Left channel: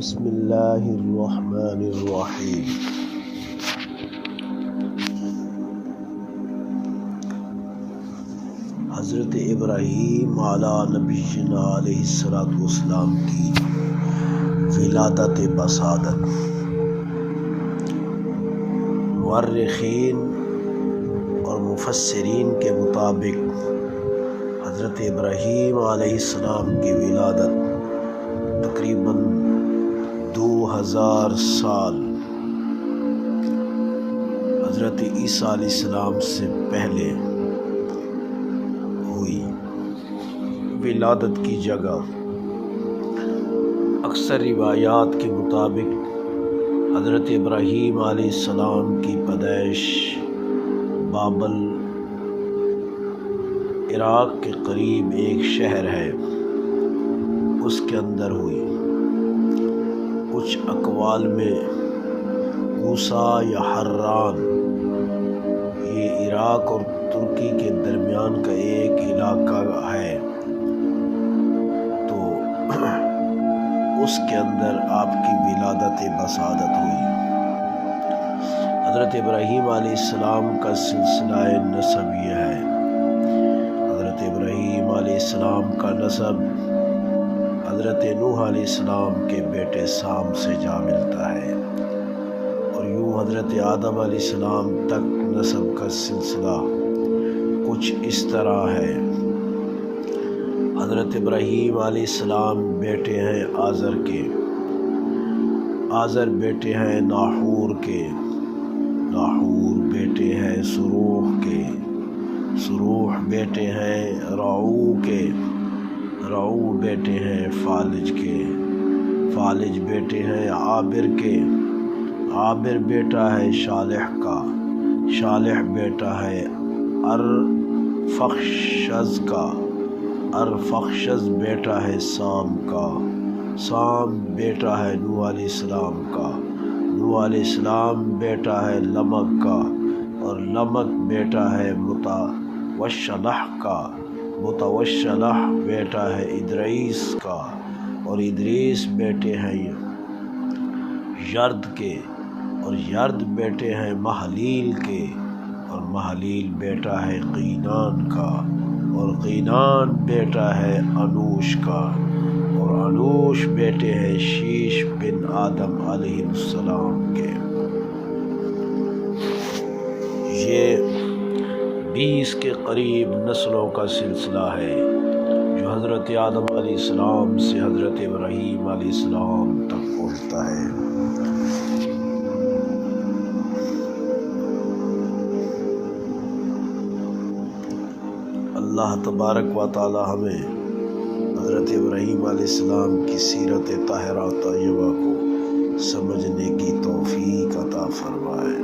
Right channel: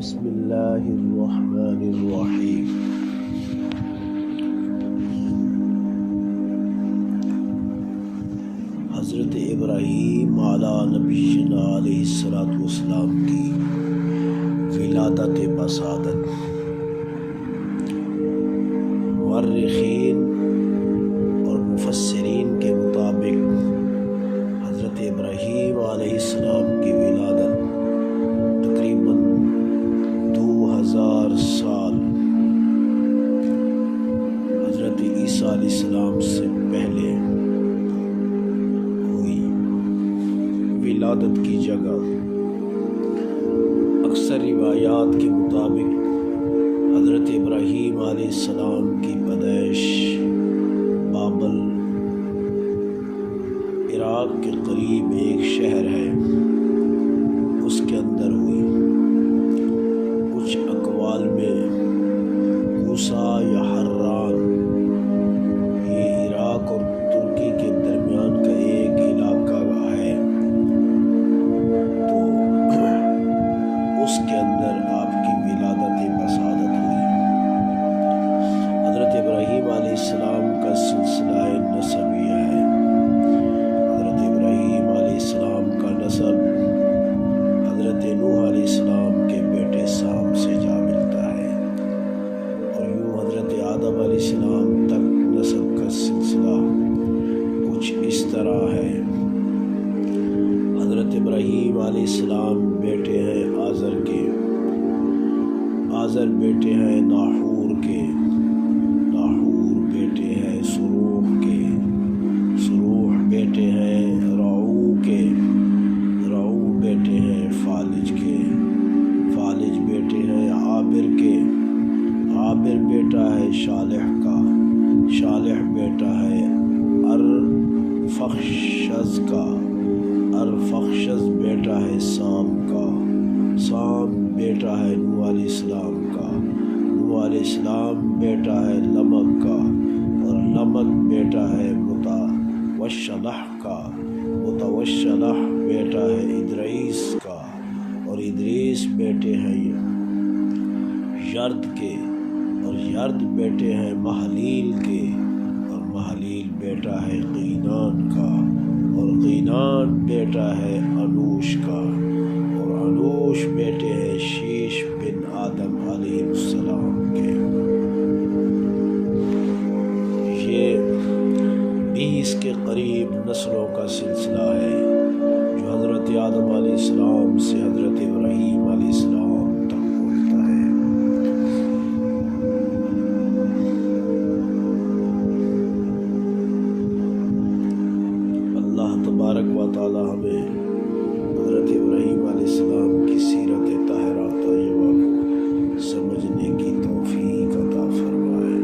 بسم اللہ الرحمن الرحیم۔ حضرت ابراہیم علی نبینا علیہ الصلوۃ والسلام کی ولادت بسعادت۔ مورخین اور مفسرین کے مطابق حضرت ابراہیم علیہ السلام کی ولادت تقریباً 2000 سال حضرت عیسیٰ علیہ السلام سے پہلے ہوئی۔ ولادت کی جگہ اکثر روایات کے مطابق حضرت ابراہیم علیہ السلام کی پیدائش بابل عراق کے قریب ایک شہر ہے اس کے اندر ہوئی۔ کچھ اقوال میں کوسا یا حران، یہ عراق اور ترکی کے درمیان کا ایک علاقہ ہے، تو اس کے اندر آپ کی ولادت بسعادت ہوئی۔ حضرت ابراہیم علیہ السلام کا سلسلہ نسب یہ ہے۔ حضرت ابراہیم علیہ السلام کا نسب حضرت نوح علیہ السلام کے بیٹے سام سے جا ملتا ہے، اور یوں حضرت آدم علیہ السلام تک نسب کا سلسلہ کچھ اس طرح ہے۔ حضرت ابراہیم علیہ السلام بیٹے ہیں آزر کے، آزر بیٹے ہیں ناحور کے، ناحور بیٹے ہیں سروح کے، سروح بیٹے ہیں رعو کے، رعو بیٹے ہیں فالج کے، فالج بیٹے ہیں عابر کے، عابر بیٹا ہے شالح کا، شالح بیٹا ہے ارفخشد کا، ارفخشد بیٹا ہے سام کا، سام بیٹا ہے نوح علیہ السلام کا، نوح علیہ السلام بیٹا ہے لمک کا، اور لمک بیٹا ہے متوشلح کا، متوشلح بیٹا ہے ادریس کا، اور ادریس بیٹے ہیں یرد کے، اور یرد بیٹے ہیں محلیل کے، اور محلیل بیٹا ہے قینان کا، اور قینان بیٹا ہے انوش کا، اور انوش بیٹے ہیں شیش بن آدم علیہ السلام کے۔ یہ 20 کے قریب نسلوں کا سلسلہ ہے جو حضرت آدم علیہ السلام سے حضرت ابراہیم علیہ السلام تک پہنچتا ہے۔ اللہ تبارک و تعالی ہمیں حضرت ابراہیم علیہ السلام کی سیرت طاہرہ طیبہ کو سمجھنے کی توفیق عطا فرمائے۔